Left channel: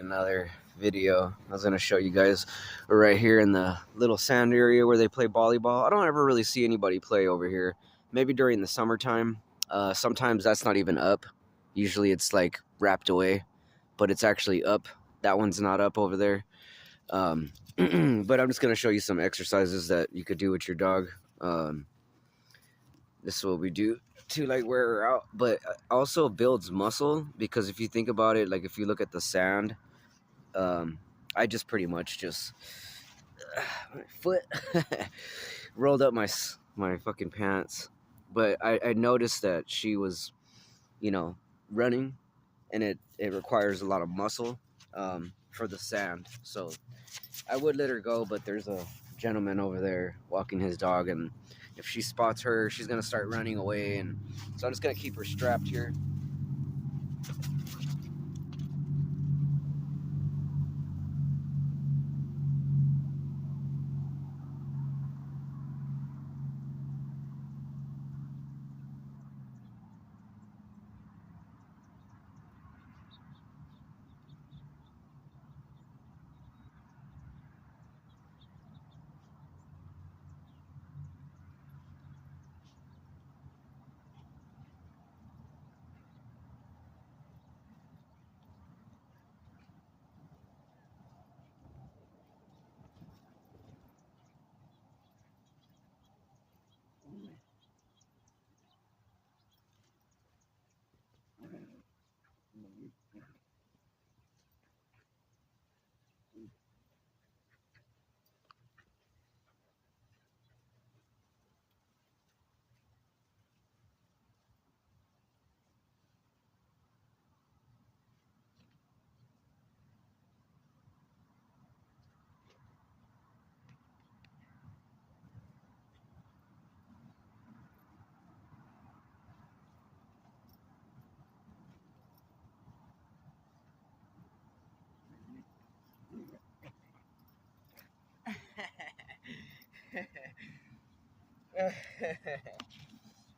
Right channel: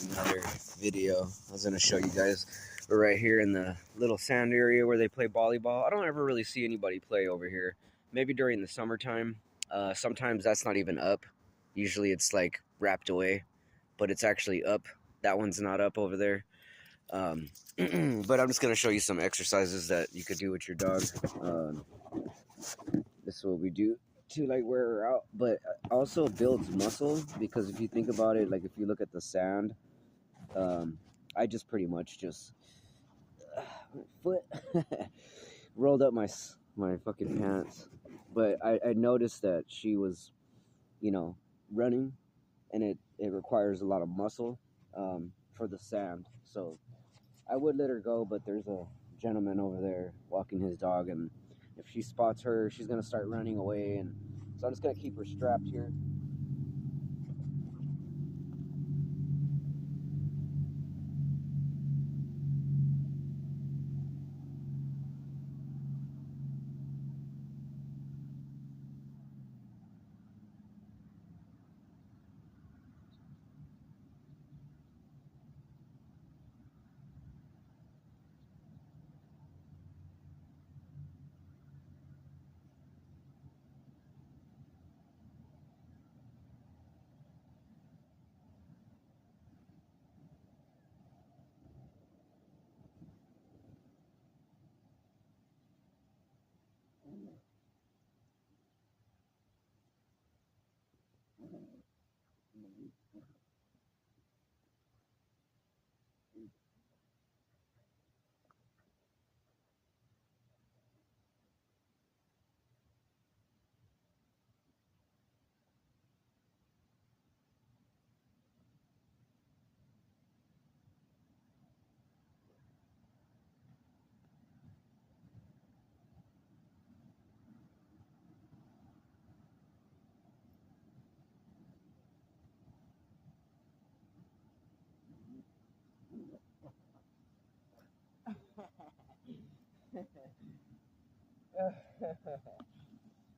Another video. I was gonna show you guys right here in the little sand area where they play volleyball. I don't ever really see anybody play over here. Maybe during the summertime. Sometimes that's not even up. Usually it's like wrapped away, but it's actually up. That one's not up over there. But I'm just gonna show you some exercises that you could do with your dog. This is what we do to like wear her out, but also builds muscle, because if you think about it, like if you look at the sand, I just pretty much just my foot rolled up my fucking pants. But I noticed that she was, running, and it requires a lot of muscle for the sand. So I would let her go, but there's a gentleman over there walking his dog, and if she spots her, she's gonna start running away, and so I'm just gonna keep her strapped here.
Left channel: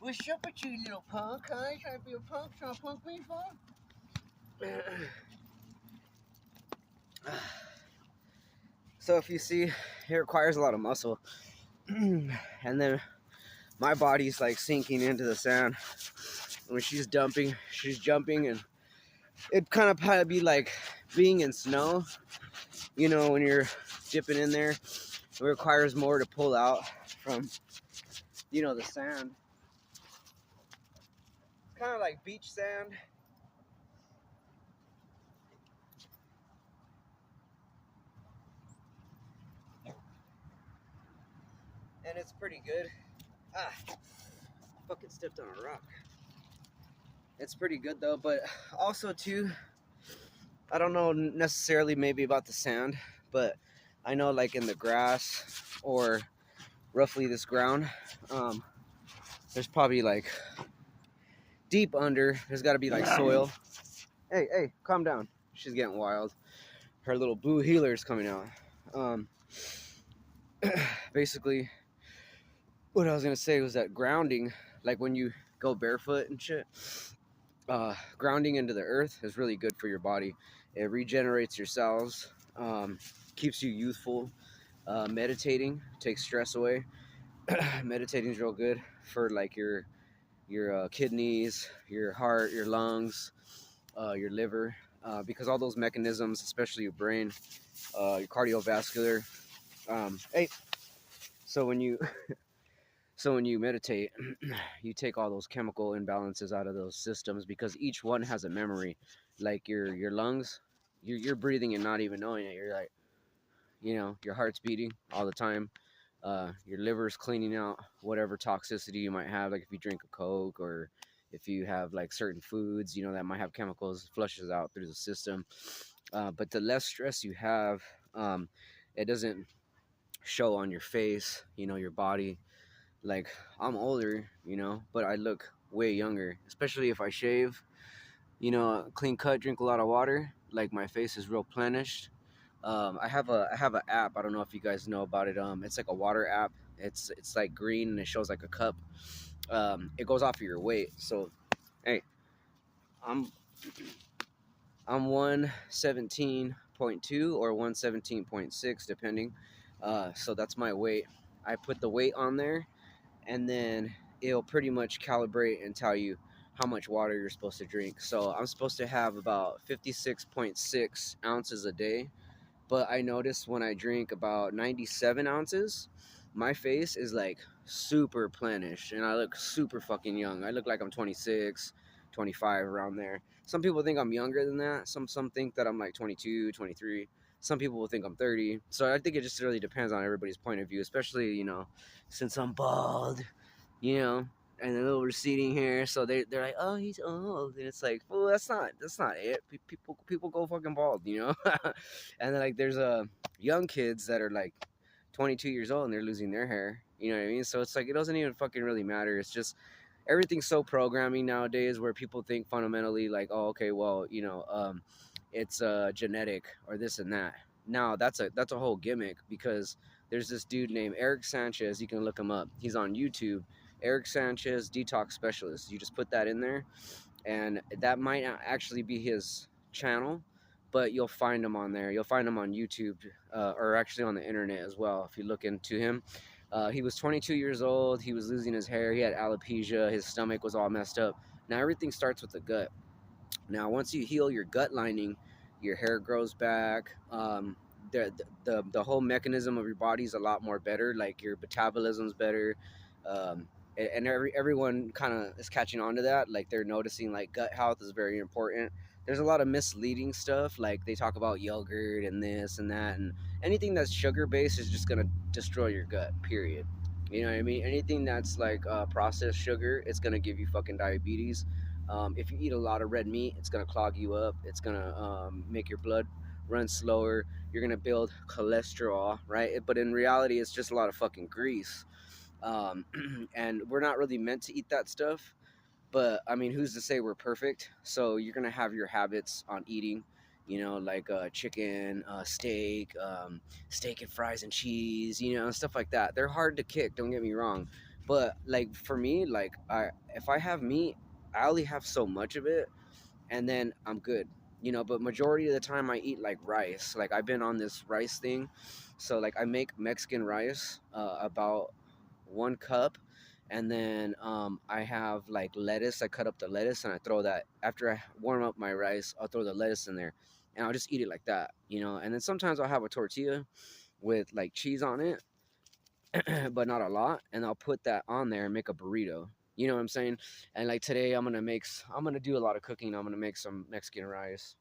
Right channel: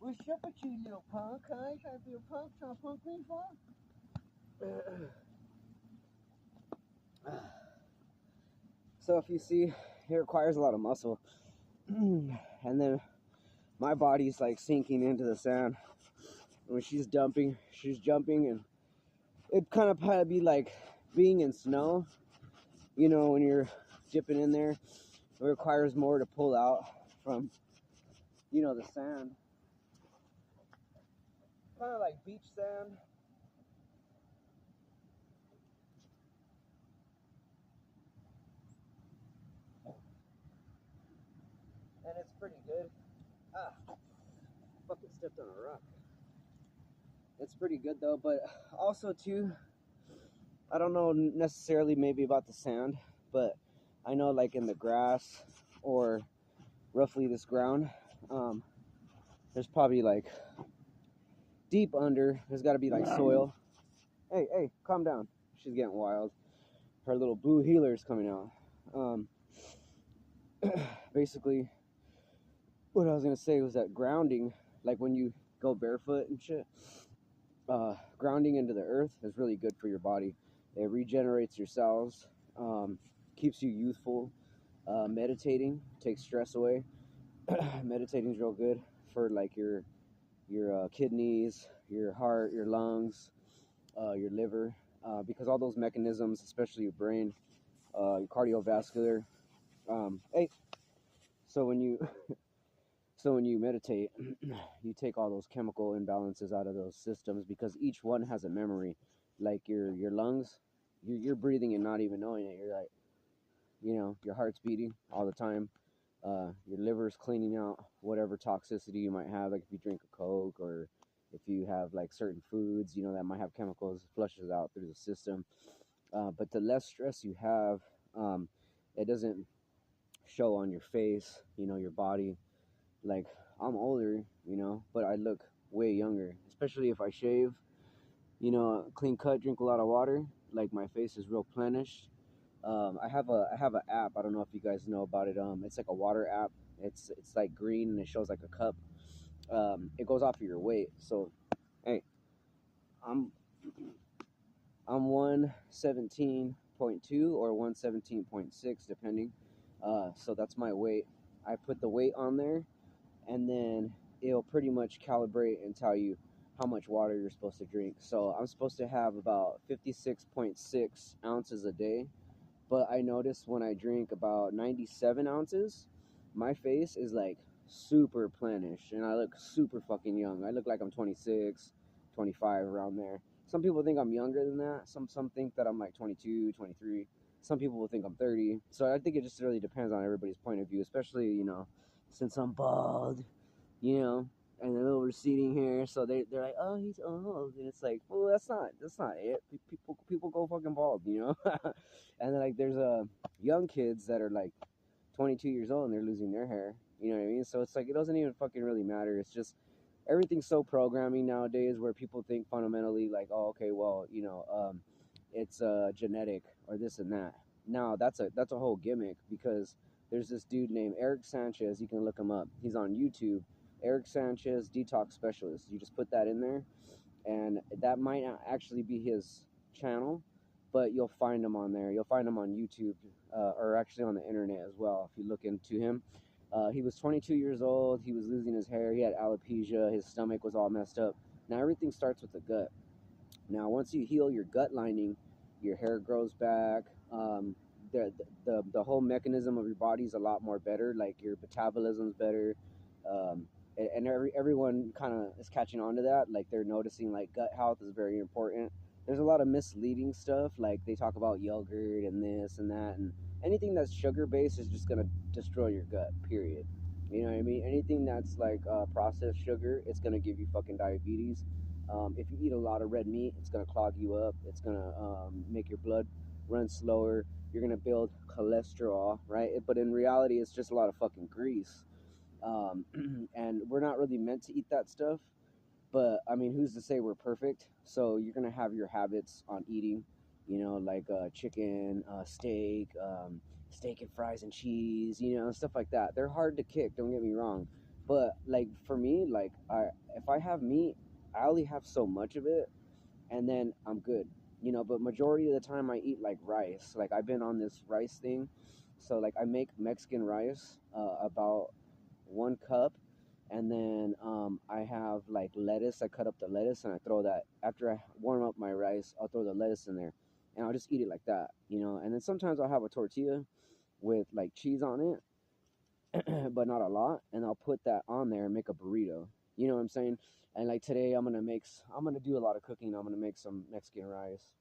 What's up with you, little punk, huh? You trying to be a punk? Trying to punk me, fuck? So if you see, it requires a lot of muscle. And then my body's like sinking into the sand. When she's jumping, and it kind of probably be like being in snow. When you're dipping in there, it requires more to pull out from, the sand. It's kind of like beach sand. And it's pretty good. Fucking stepped on a rock. It's pretty good though, but also too, I don't know necessarily maybe about the sand, but I know like in the grass or roughly this ground, there's probably like deep under, there's got to be like soil. Hey, calm down. She's getting wild. Her little blue healer is coming out. Basically, what I was gonna say was that grounding, like when you go barefoot and shit, grounding into the earth is really good for your body. It regenerates your cells, keeps you youthful. Meditating takes stress away. Meditating is real good for like your kidneys, your heart, your lungs, your liver, because all those mechanisms, especially your brain, your cardiovascular. Hey, so when you meditate, you take all those chemical imbalances out of those systems, because each one has a memory. Like your lungs, you're breathing and not even knowing it. You're like, your heart's beating all the time. Your liver's cleaning out whatever toxicity you might have, like if you drink a Coke, or if you have like certain foods, that might have chemicals, flushes out through the system. But the less stress you have, it doesn't show on your face, your body. Like, I'm older, but I look way younger, especially if I shave, clean cut, drink a lot of water. Like, my face is real plenished. I have an app. I don't know if you guys know about it. It's like a water app. It's like green, and it shows like a cup. It goes off of your weight. So, hey, I'm I'm 117.2 or 117.6 depending. So that's my weight. I put the weight on there, and then it'll pretty much calibrate and tell you how much water you're supposed to drink. So I'm supposed to have about 56.6 ounces a day, but I noticed when I drink about 97 ounces, my face is like super plenish and I look super fucking young. I look like I'm 26, 25, around there. Some people think I'm younger than that. Some think that I'm like 22, 23. Some people will think I'm 30. So I think it just really depends on everybody's point of view, especially, since I'm bald, you know, and a little receding hair. So they're like, oh, he's old, and it's like, well, that's not it. People go fucking bald, and then like there's young kids that are like 22 years old and they're losing their hair. You know what I mean? So it's like it doesn't even fucking really matter. It's just everything's so programming nowadays where people think fundamentally like, oh, okay, well, it's genetic or this and that. Now that's a whole gimmick because there's this dude named Eric Sanchez. You can look him up. He's on YouTube. Eric Sanchez, detox specialist. You just put that in there, and that might not actually be his channel, but you'll find him on there. You'll find him on YouTube, or actually on the internet as well if you look into him. He was 22 years old. He was losing his hair. He had alopecia. His stomach was all messed up. Now everything starts with the gut. Now, once you heal your gut lining, your hair grows back. The whole mechanism of your body is a lot more better. Like your metabolism's better, um, and everyone kind of is catching on to that. Like they're noticing like gut health is very important. There's a lot of misleading stuff. Like they talk about yogurt and this and that, and anything that's sugar based is just gonna destroy your gut. Period. You know what I mean? Anything that's like processed sugar, it's gonna give you fucking diabetes. If you eat a lot of red meat, it's gonna clog you up. It's gonna make your blood run slower. You're gonna build cholesterol, right? But in reality, it's just a lot of fucking grease. Um, and we're not really meant to eat that stuff. But I mean, who's to say we're perfect? So you're gonna have your habits on eating, like chicken, steak and fries and cheese, stuff like that. They're hard to kick. Don't get me wrong, but like for me, like if I have meat, I only have so much of it, and then I'm good. But majority of the time I eat like rice. Like I've been on this rice thing, so like I make Mexican rice, about 1 cup, and then I have like lettuce. I cut up the lettuce and I throw that after I warm up my rice. I'll throw the lettuce in there, and I'll just eat it like that. And then sometimes I'll have a tortilla with like cheese on it, but not a lot, and I'll put that on there and make a burrito. You know what I'm saying? And like today, I'm gonna do a lot of cooking. I'm gonna make some Mexican rice.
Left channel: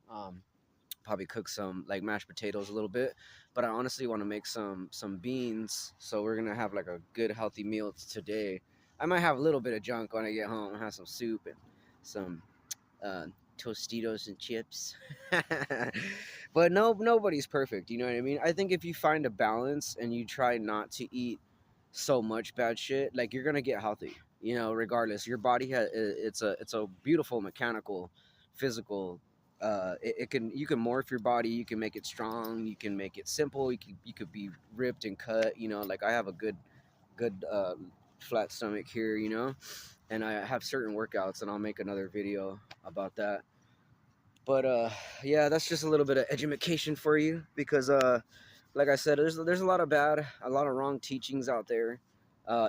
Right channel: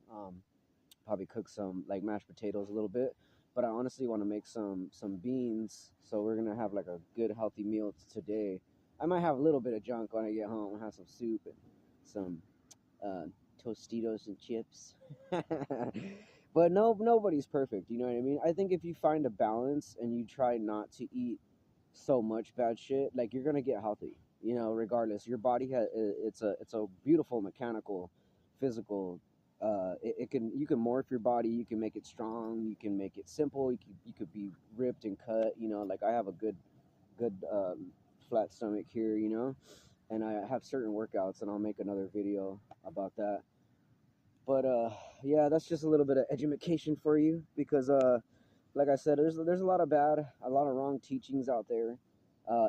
Probably cook some like mashed potatoes a little bit, but I honestly want to make some beans. So we're gonna have like a good healthy meal today. I might have a little bit of junk when I get home. Have some soup and some uh, Tostitos and chips. But no, nobody's perfect. You know what I mean? I think if you find a balance and you try not to eat so much bad shit, like you're gonna get healthy. Regardless, your body has it's a beautiful mechanical, physical. It can you can morph your body. You can make it strong. You can make it simple. You could be ripped and cut. Like I have a good flat stomach here. And I have certain workouts, and I'll make another video about that. But yeah, that's just a little bit of education for you because like I said, there's a lot of wrong teachings out there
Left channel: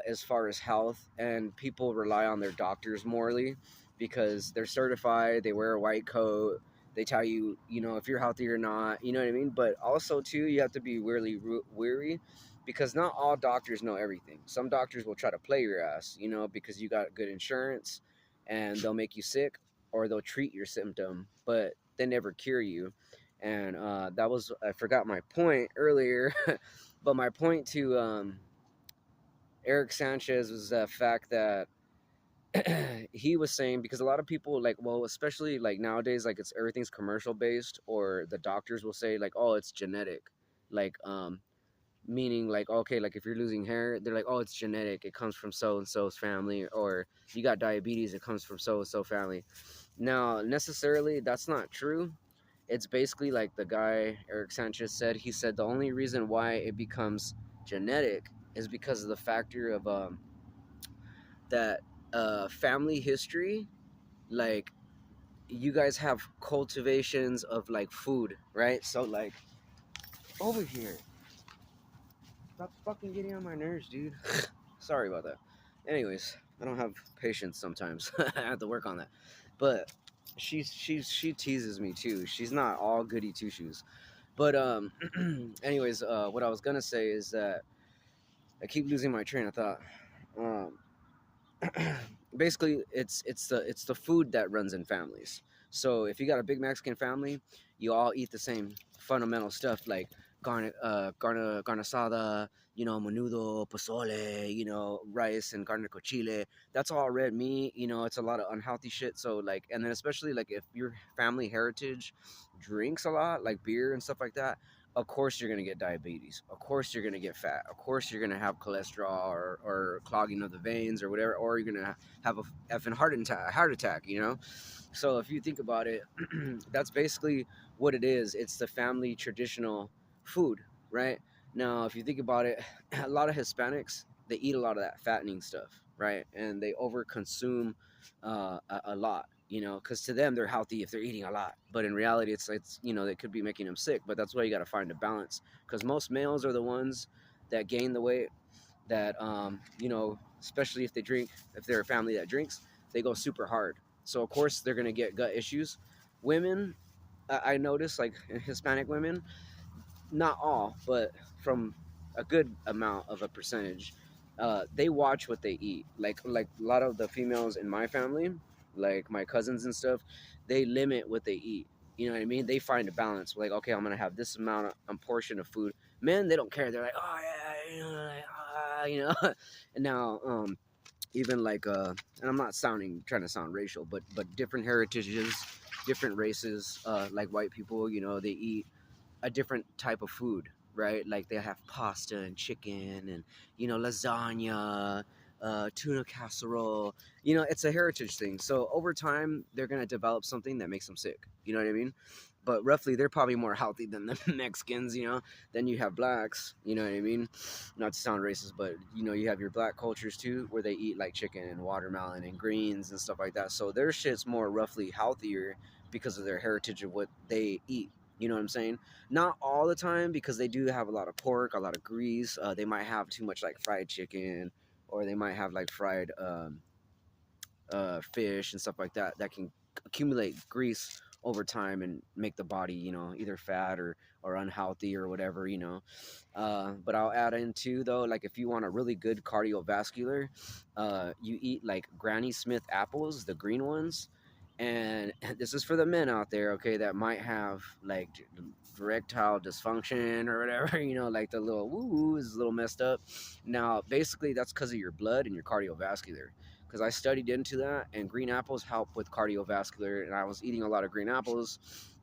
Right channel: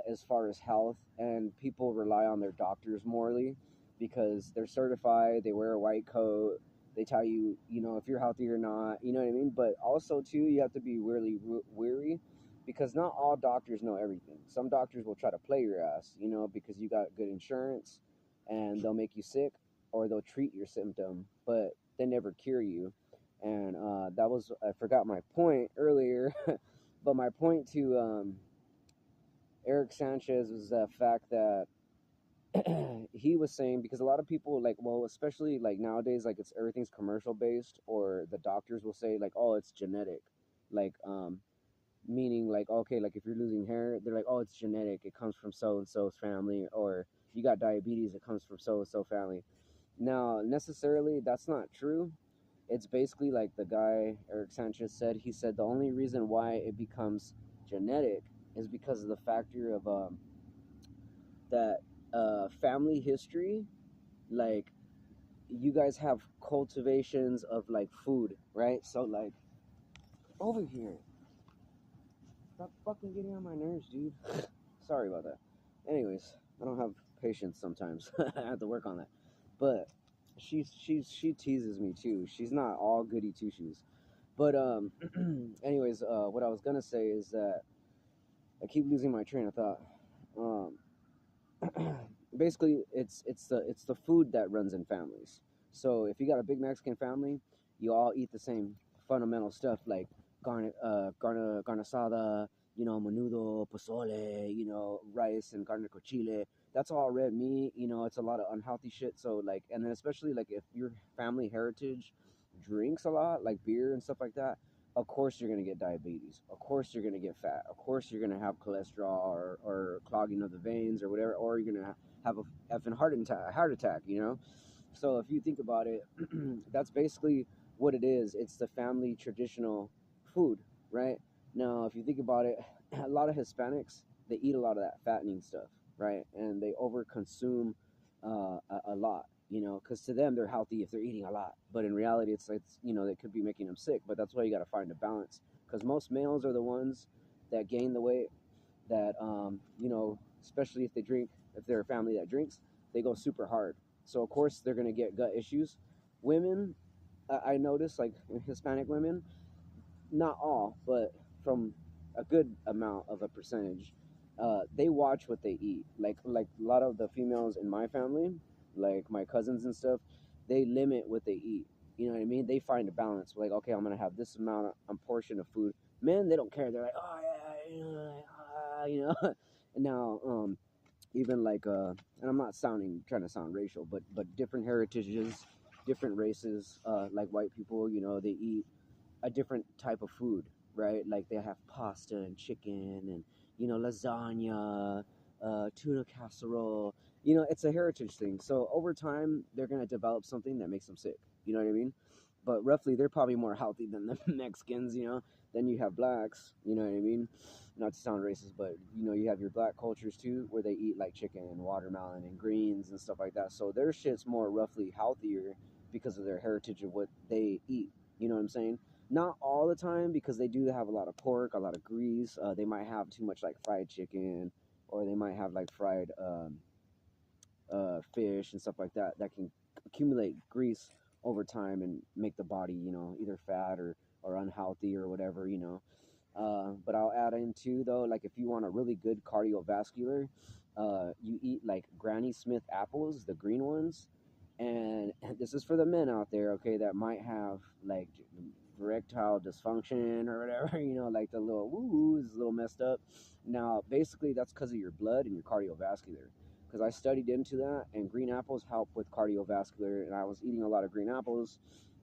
as far as health, and people rely on their doctors morally because they're certified. They wear a white coat. They tell you, if you're healthy or not. You know what I mean? But also too, you have to be really weary because not all doctors know everything. Some doctors will try to play your ass, because you got good insurance, and they'll make you sick or they'll treat your symptom, but they never cure you. And that was I forgot my point earlier, but my point to Eric Sanchez was the fact that he was saying because a lot of people like, well, especially like nowadays, like it's everything's commercial based, or the doctors will say like, oh, it's genetic, like meaning like, okay, like if you're losing hair, they're like, oh, it's genetic, it comes from so and so's family, or you got diabetes, it comes from so and so family. Now, necessarily, that's not true. It's basically like the guy Eric Sanchez said. He said the only reason why it becomes genetic is because of the factor of that family history. Like you guys have cultivations of like food, right? So like over here, stop fucking getting on my nerves, dude. Sorry about that. Anyways, I don't have patience sometimes. I have to work on that. But she teases me too. She's not all goody two shoes. But anyways, what I was gonna say is that I keep losing my train of thought. Um, basically it's the food that runs in families. So if you got a big Mexican family, you all eat the same fundamental stuff like carne asada, menudo, pozole, rice and carne con chile. That's all red meat. It's a lot of unhealthy shit. So like, and then especially like if your family heritage drinks a lot, like beer and stuff like that, of course you're gonna get diabetes. Of course you're gonna get fat. Of course you're gonna have cholesterol or clogging of the veins or whatever, or you're gonna have a effing heart attack. So if you think about it, that's basically what it is. It's the family traditional food, right? Now, if you think about it, a lot of Hispanics, they eat a lot of that fattening stuff, right? And they overconsume a lot, because to them they're healthy if they're eating a lot, but in reality, they could be making them sick. But that's why you got to find a balance, because most males are the ones that gain the weight that especially if they drink, if they're a family that drinks, they go super hard. So of course they're gonna get gut issues. Women, I notice like Hispanic women, not all, but from a good amount of a percentage, they watch what they eat. Like a lot of the females in my family, like my cousins and stuff, they limit what they eat. You know what I mean? They find a balance. Like, okay, I'm gonna have this amount of portion of food. Men, they don't care. They're like, oh yeah, like, and now, even like, and I'm not trying to sound racial, but different heritages, different races, like white people, they eat a different type of food, right? Like they have pasta and chicken and lasagna, tuna casserole. It's a heritage thing. So over time, they're gonna develop something that makes them sick. You know what I mean? But roughly, they're probably more healthy than the Mexicans. Then you have blacks. You know what I mean? Not to sound racist, but you have your black cultures too, where they eat like chicken and watermelon and greens and stuff like that. So their shit's more roughly healthier because of their heritage of what they eat. You know what I'm saying? Not all the time, because they do have a lot of pork, a lot of grease. They might have too much like fried chicken, or they might have like fried fish and stuff like that that can accumulate grease over time and make the body, either fat or unhealthy or whatever. But I'll add in too, though, like if you want a really good cardiovascular, you eat like Granny Smith apples, the green ones. And this is for the men out there, okay, that might have like erectile dysfunction or whatever, like the little woo is a little messed up. Now, basically, that's because of your blood and your cardiovascular, because I studied into that, and green apples help with cardiovascular, and I was eating a lot of green apples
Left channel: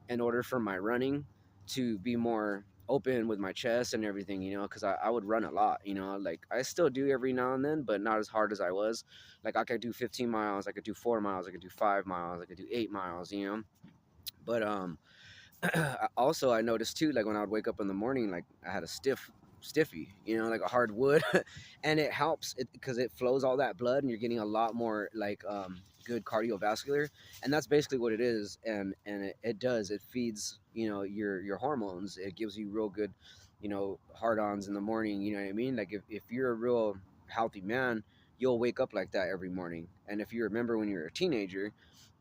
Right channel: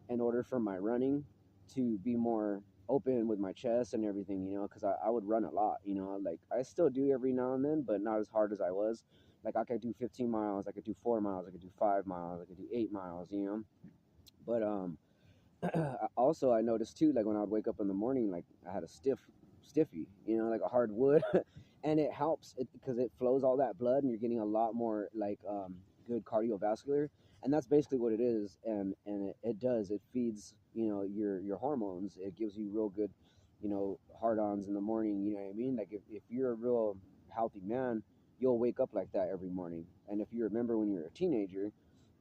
in order for my running to be more open with my chest and everything, because I would run a lot, like I still do every now and then, but not as hard as I was. Like I could do 15 miles, I could do 4 miles, I could do 5 miles, I could do 8 miles, but also I noticed too, like when I would wake up in the morning, like I had a stiffy, like a hard wood, and it helps it because it flows all that blood, and you're getting a lot more like good cardiovascular, and that's basically what it is. And it does, it feeds your hormones. It gives you real good hard-ons in the morning. You know what I mean? Like if you're a real healthy man, you'll wake up like that every morning. And if you remember when you were a teenager,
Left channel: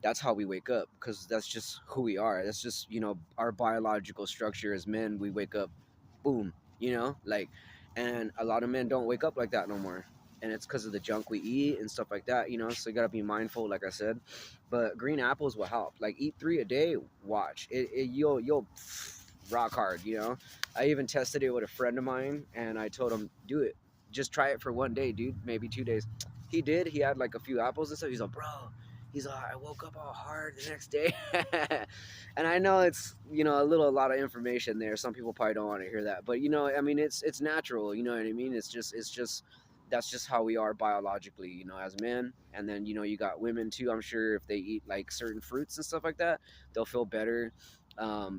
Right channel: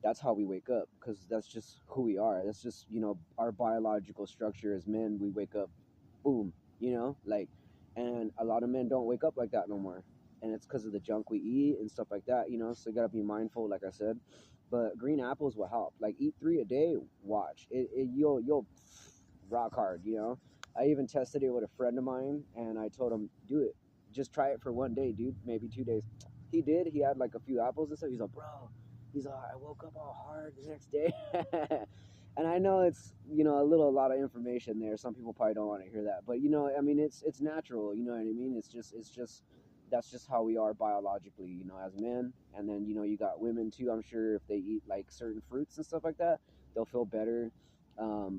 that's how we wake up, because that's just who we are. That's just our biological structure as men. We wake up, boom, like, and a lot of men don't wake up like that no more, and it's because of the junk we eat and stuff like that. So you got to be mindful, like I said. But green apples will help. Like eat 3 a day. Watch it, you'll rock hard. I even tested it with a friend of mine, and I told him, do it, just try it for 1 day, dude, maybe 2 days. He did. He had like a few apples and stuff. He's like, bro, he's like, I woke up all hard the next day. And I know it's a lot of information there. Some people probably don't want to hear that, but I mean, it's natural. You know what I mean? It's just that's just how we are biologically, as men. And then you got women too. I'm sure if they eat like certain fruits and stuff like that, they'll feel better.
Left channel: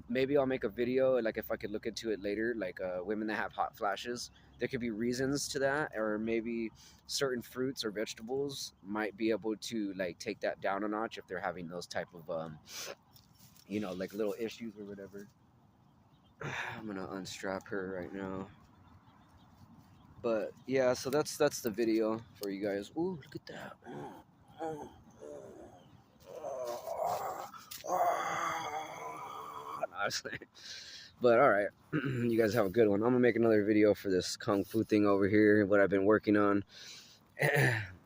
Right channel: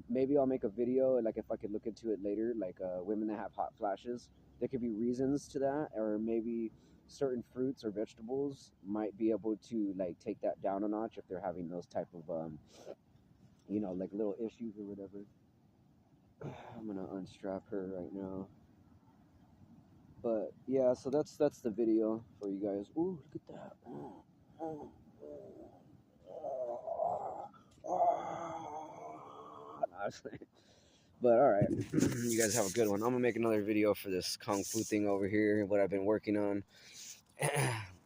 Maybe I'll make a video, like if I could look into it later, like women that have hot flashes. There could be reasons to that, or maybe certain fruits or vegetables might be able to like take that down a notch if they're having those type of like little issues or whatever. I'm gonna unstrap her right now. But yeah, so that's the video for you guys. Ooh, look at that. Honestly. But all right, you guys have a good one. I'm gonna make another video for this kung fu thing over here. What I've been working on.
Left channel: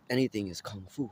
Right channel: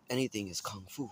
Anything is kung fu.